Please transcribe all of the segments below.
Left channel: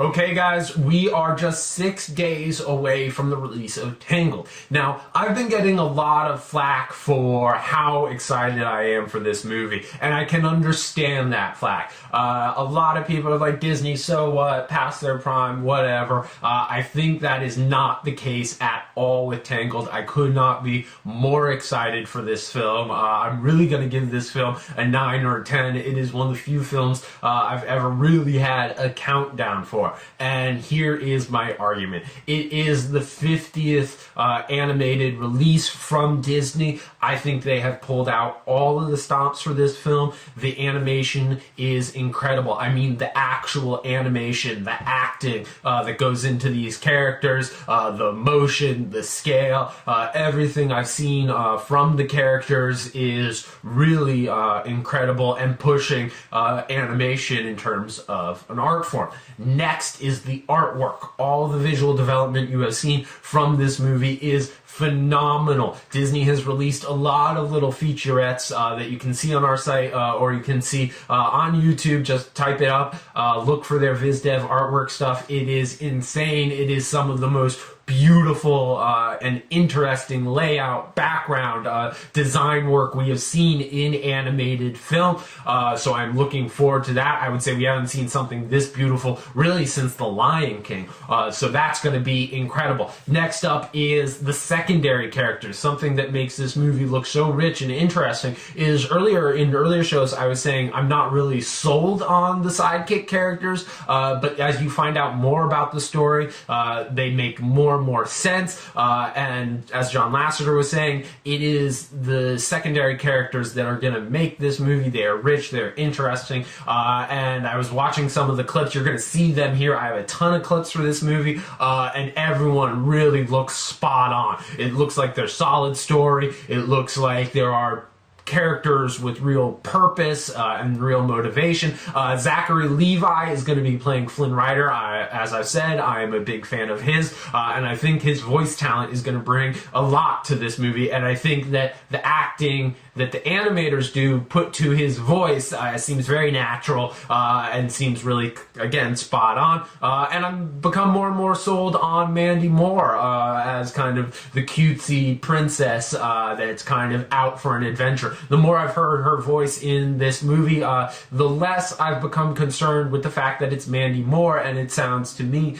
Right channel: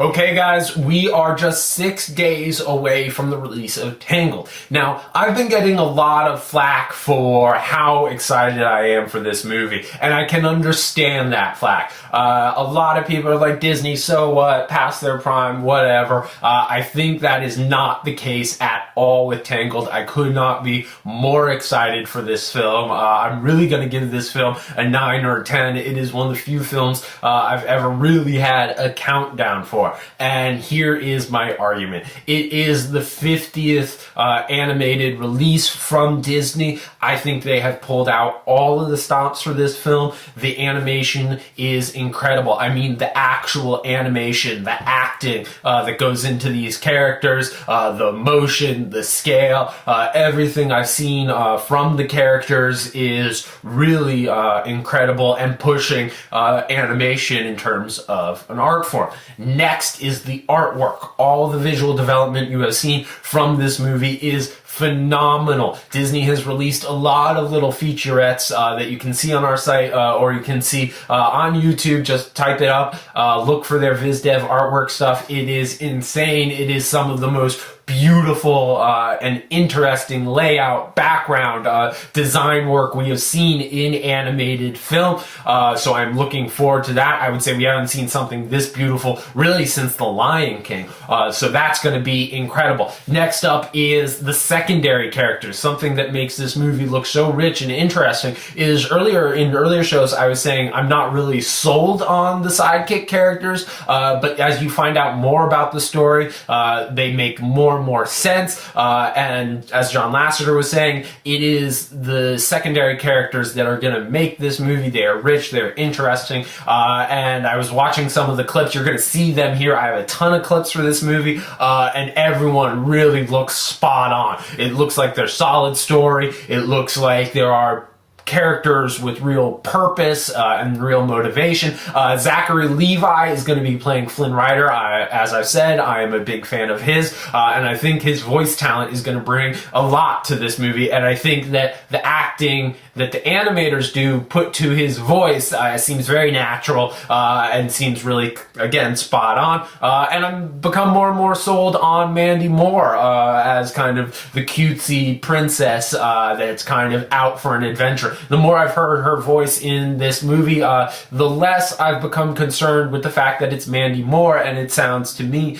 Okay guys, we are just 6 days away from the release of Tangled. Now, I've been getting a lot of flack for how excited I am for this movie, and I can understand that flack. A lot of people are like, Disney, so what, past their prime, whatever. I think that is not the case at all with Tangled. I could not be more excited for this film. I'm really going to give this film a 9 or a 10. It is one of the few films I've ever really had a countdown for. And here is my argument. It is the 50th animated release from Disney. I think they have pulled out all of the stops for this film. The animation is incredible. I mean, the actual animation, the acting that goes into these characters, the motion, the scale, everything I've seen from the characters is really incredible and pushing animation in terms of an art form. Next is the artwork. All the visual development you have seen from this movie is phenomenal. Disney has released a lot of little featurettes that you can see on our site or you can see on YouTube. Just type it up, look for their VizDev artwork stuff. It is insane. It is some of the most beautiful and interesting layout, background, design work we have seen in animated film. So I'm looking forward to that. I would say we haven't seen something this beautiful really since The Lion King. So that's going to be incredible. Next up is the secondary characters. Something that makes this movie look so rich and interesting is in earlier shows I was saying I'm not really sold on the sidekick characters, but as you find out more about the story, they make more and more sense. And as John Lasseter was saying, it is the secondary characters that are going to make this movie. They are rich, they're interesting. And I was watching some of the clips. You're going to see them here. I have a ton of clips for this movie, and everyone really looks spot on. It looks like there's solid story. It looks like there are characters with real purpose and real motivation. Zachary Levi is going to be playing Flynn Rider. As I've said, I am a big fan of his, and I think his voice talent is going to bring a lot to this movie, and I think that the acting that the animators do put to his voice seems very natural and seems really, again, spot on. And I've become more and more sold on Mandy more as kind of the cutesy princess that's kind of out for an adventure. The more I've heard her voice in this movie, the less I've become concerned with the fact that it's Mandy Moore, and it sounds to me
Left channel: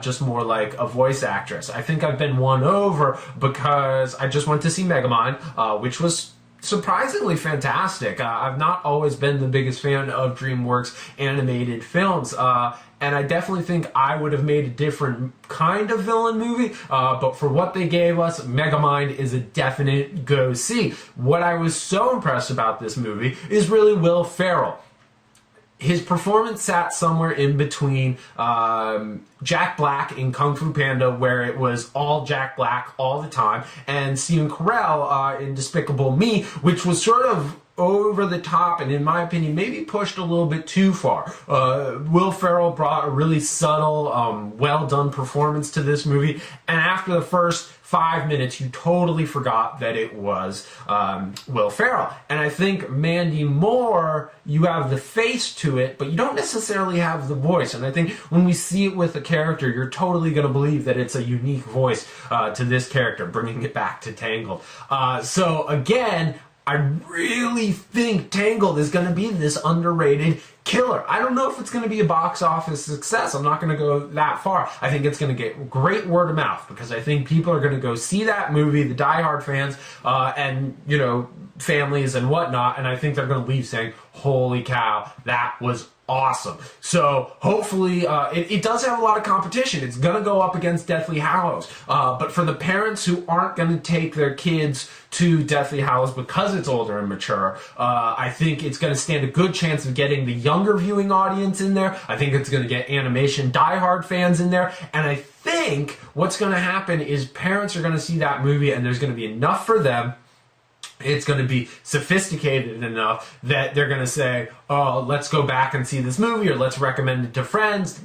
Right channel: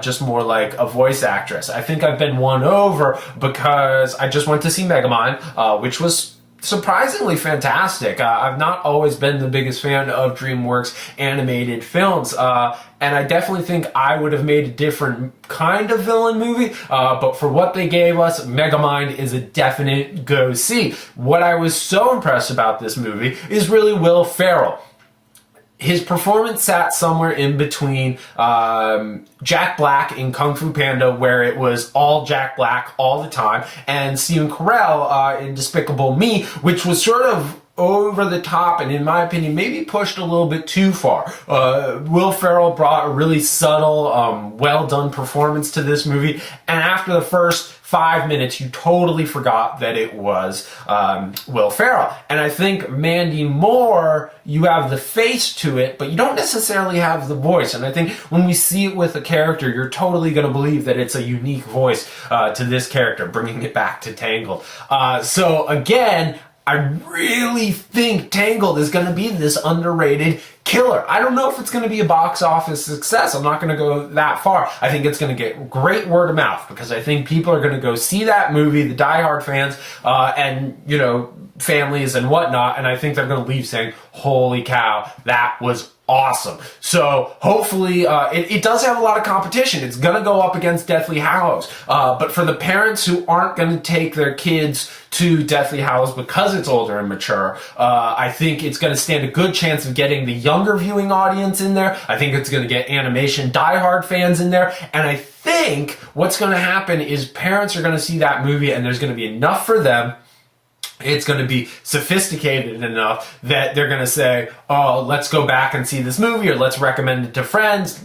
just more like a voice actress. I think I've been won over because I just went to see Megamind, which was surprisingly fantastic. I've not always been the biggest fan of DreamWorks animated films, and I definitely think I would have made a different kind of villain movie, but for what they gave us, Megamind is a definite go-see. What I was so impressed about this movie is really Will Ferrell. His performance sat somewhere in between Jack Black in Kung Fu Panda, where it was all Jack Black all the time, and Stephen Carell in Despicable Me, which was sort of over the top and, in my opinion, maybe pushed a little bit too far. Will Ferrell brought a really subtle, well-done performance to this movie, and after the first 5 minutes, you totally forgot that it was Will Ferrell. And I think Mandy Moore, you have the face to it, but you don't necessarily have the voice. And I think when we see it with a character, you're totally going to believe that it's a unique voice to this character, bringing it back to Tangled. So again, I really think Tangled is going to be this underrated killer. I don't know if it's going to be a box office success. I'm not going to go that far. I think it's going to get great word of mouth because I think people are going to go see that movie, the diehard fans, and, you know, families and whatnot, and I think they're going to leave saying, holy cow, that was awesome. So hopefully it does have a lot of competition. It's going to go up against Deathly Hallows. But for the parents who aren't going to take their kids to Deathly Hallows because it's older and mature, I think it's going to stand a good chance of getting the younger viewing audience in there. I think it's going to get animation diehard fans in there. And I think what's going to happen is parents are going to see that movie and there's going to be enough for them. It's going to be sophisticated enough that they're going to say, oh, let's go back and see this movie, or let's recommend it to friends.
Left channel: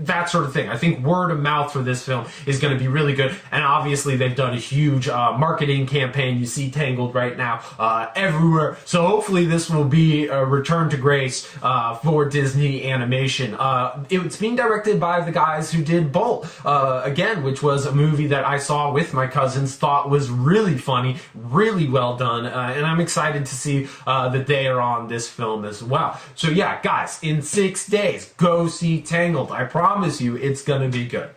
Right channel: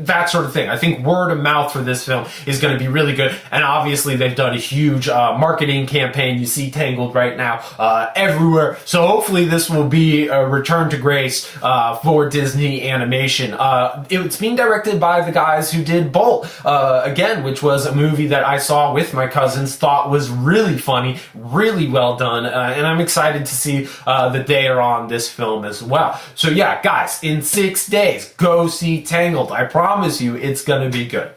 that sort of thing. I think word of mouth for this film is going to be really good, and obviously they've done a huge marketing campaign. You see Tangled right now everywhere, so hopefully this will be a return to grace for Disney Animation. It's being directed by the guys who did Bolt, again, which was a movie that I saw with my cousins, thought was really funny, really well done, and I'm excited to see that they are on this film as well. So yeah, guys, in 6 days, go see Tangled. I promise you it's gonna be good.